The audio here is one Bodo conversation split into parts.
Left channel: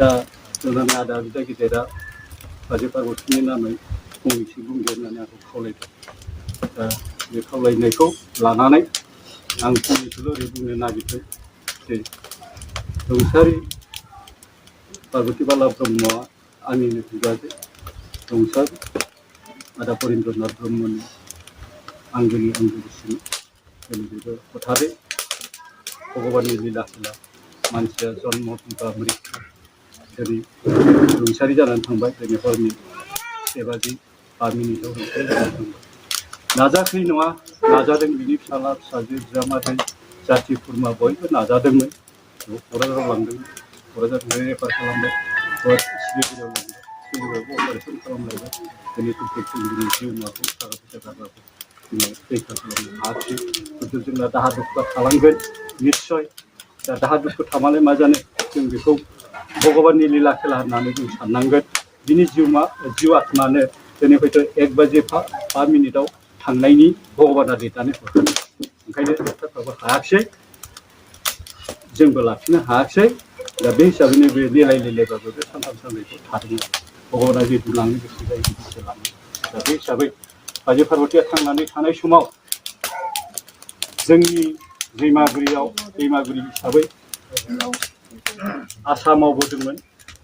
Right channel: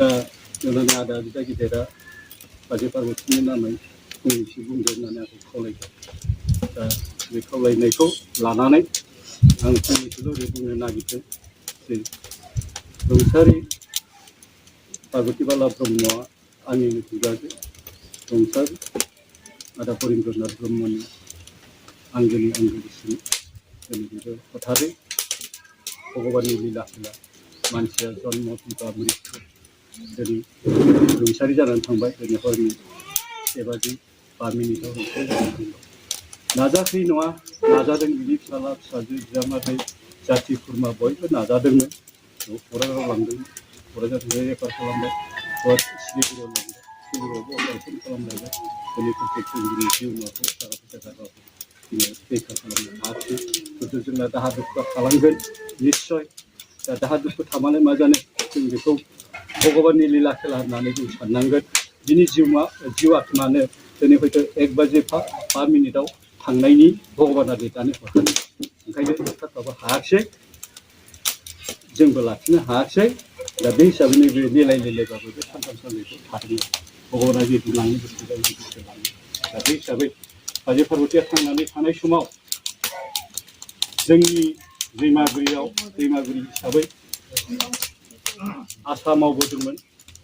दा नुनानै आदा बिदा गिदिरा बाजै पार्बतीनि नामै फंनैसो बुंदो होननानै आंखौ खावलायबाय। दा बे खावलायनायखौ लानानै आं फंनैसोल' ओरै बुंनो नागिरदों जे रुंसारि पार्बती बाला ब्रह्मआ आंनिनो बिबाजै रुंसारि आदा परिन्द्रनाथ ब्रह्मनि आंगोनि आंगोनिसिन जोंनि बेबो हथारै भगबाननि लीला खेला मानसिया जन्म एबा मृत्यु दिनै रुंसारि जानानै थांबाय दिनै हरनि 7:05 मिनिटाव रुंसारि जानानै थांबाय। नाजाखै नङा नाजादों बिनि फिसाला फिसाजो बिजामादै जाथि खुरमा बयबो नाजादोंमोन क'क्राझाराव लांदोंमोन क'क्राझारनिफ्राय रेफार खालामबाय सिलिगुरियाव लांबाय सिलिगुरियावबो अपारेसन खालामलायबाय दिनै जोंनि जिउमाखौ थाखा फैसा गारबाबो जोङो रैखा खालामनो हायाखै खिन्थु जोंना दाहा दुखुआ थालांगोन निस्सय दा दाहा दुखु थामालाय मा जानो जों बेखौ भगबाननि लीला खेला होननानै जों साननांगोन बिनि जिउ आत्मानो दिनै हयथ' 1:05 मिनिटाव थांनायनि भगबाना लिरनानै हरदों ओंखायनो डक्टरफ्राबो हायाखिसै जोंबो लाखिनो हायाखिसै दा बे हिसाबैनो बे लेलाय लेलायबाबो बे सानथाम सानब्रैखौ थादोंमोन भगबाना बिदि लाङो गोसो जायो बिदिसो लाङो दा बे हिसाबै बाजै पार्बतीया थांनानै थानाय समाव जोंनि दैमागुरि हिसाबै आसा मावबोदोंमोन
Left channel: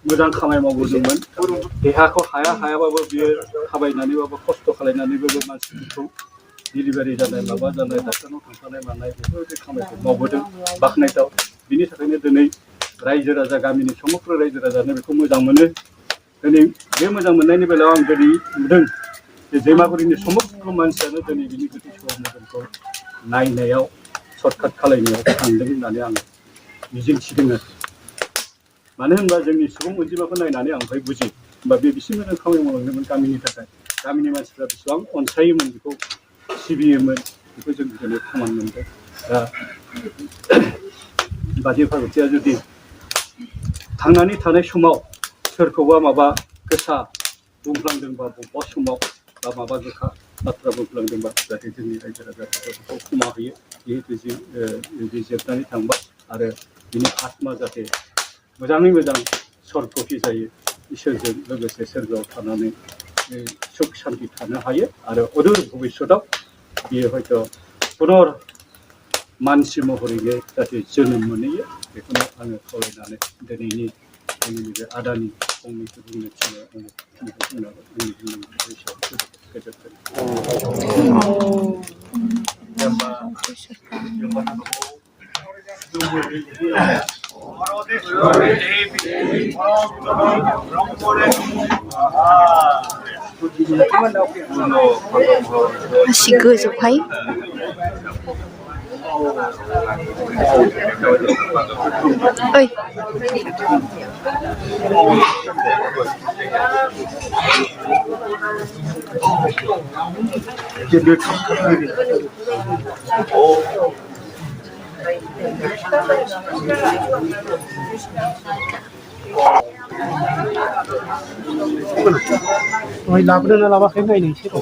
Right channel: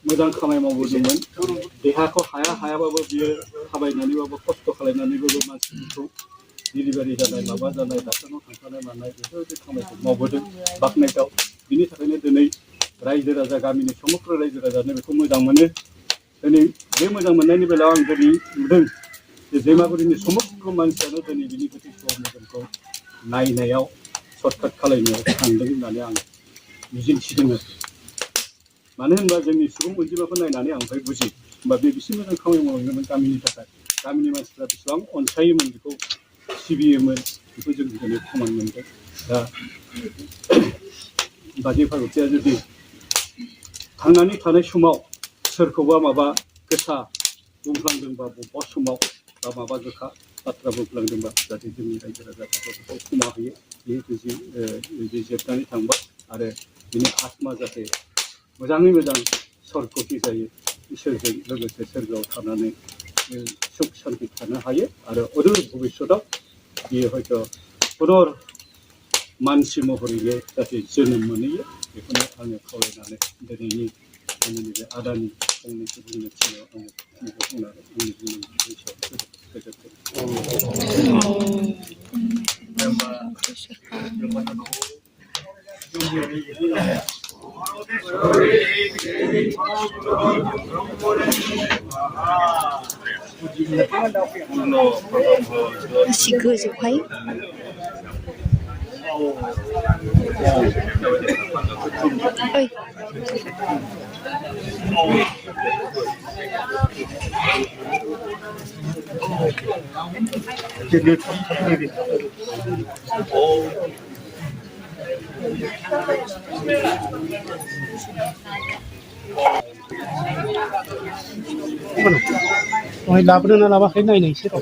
मोजां खामानि मावबोदोंमोन देहाखौ हायाबाबो बियो थाबायनानैबाबो खस्थ' खालायनानैबाबो मानसिफोरखौ डिलिभारि जानाय माबा जानाय डाक्टारनाव थांफानाय मानाय बेफोरबायदि खामानिखौ मावबोदों बाख्नायथाव बिनि थाखायनो दिनै रायजो राजा गामिनि समग्र रायजो राजानो बेखौ मोजां मोनो दिनै बे मोजां मोननायनि बेलायाव आं दिनै नुदों जे दैमागुरिनि समग्र मानसियानो दिनै बिनि गोथै सह मोदोमखौ नायनायाव सर्टकाट खालायनायाव थांदों होननानै आं मिजिंथिदों आरो मानो होनबा जोंनि सुबुं अनजिमाखौ नायनानै आं ओमफ्राय बुजियो होमबा बे बेसे मोजां खामानि मावलांदोंमोन गामिनि थाखाय गामिनि मानसिफ्रा बेसेबां अनसायोमोन बेखौ सिबियोमोन बेखौ जों दिनै प्रमान मोनदों दा बाजै पार्बतीया जुदि थांनानै थानाय समाव सोरखौबा माबा गोसा बुंफ्लांदोंबा बबेबा समाव बा माबा गोखा बाथ्रा बुंफ्लांदोंबा जाहाथे जोंनि रायजो राजाफोरखौ बेखौ क्षमा होयो जिहेतु बे जोबनानै थांबाय आरो बिनि आत्मा जाहाथे मोजाङै मोजां सर्गति जायो इसोरजों लोगोसे सोरगोआव थानानै सुख शान्ति थानो हायो आरो अदूर भबिष्यतआव बियो हयथ' पुनर मानसि महरैनो जाहाथे जोनोम मोनहैयो बेखौनो आङो खावलायनानै दिनैनि जोंनि बे आदानि फंनैसो बुंनो थिननायाव आङो बेखौ बुंनानै आंनि बुंनांगौ हिसाबै गोजोन्थों। masih gojokai oi Laban na laban kayo na inisip.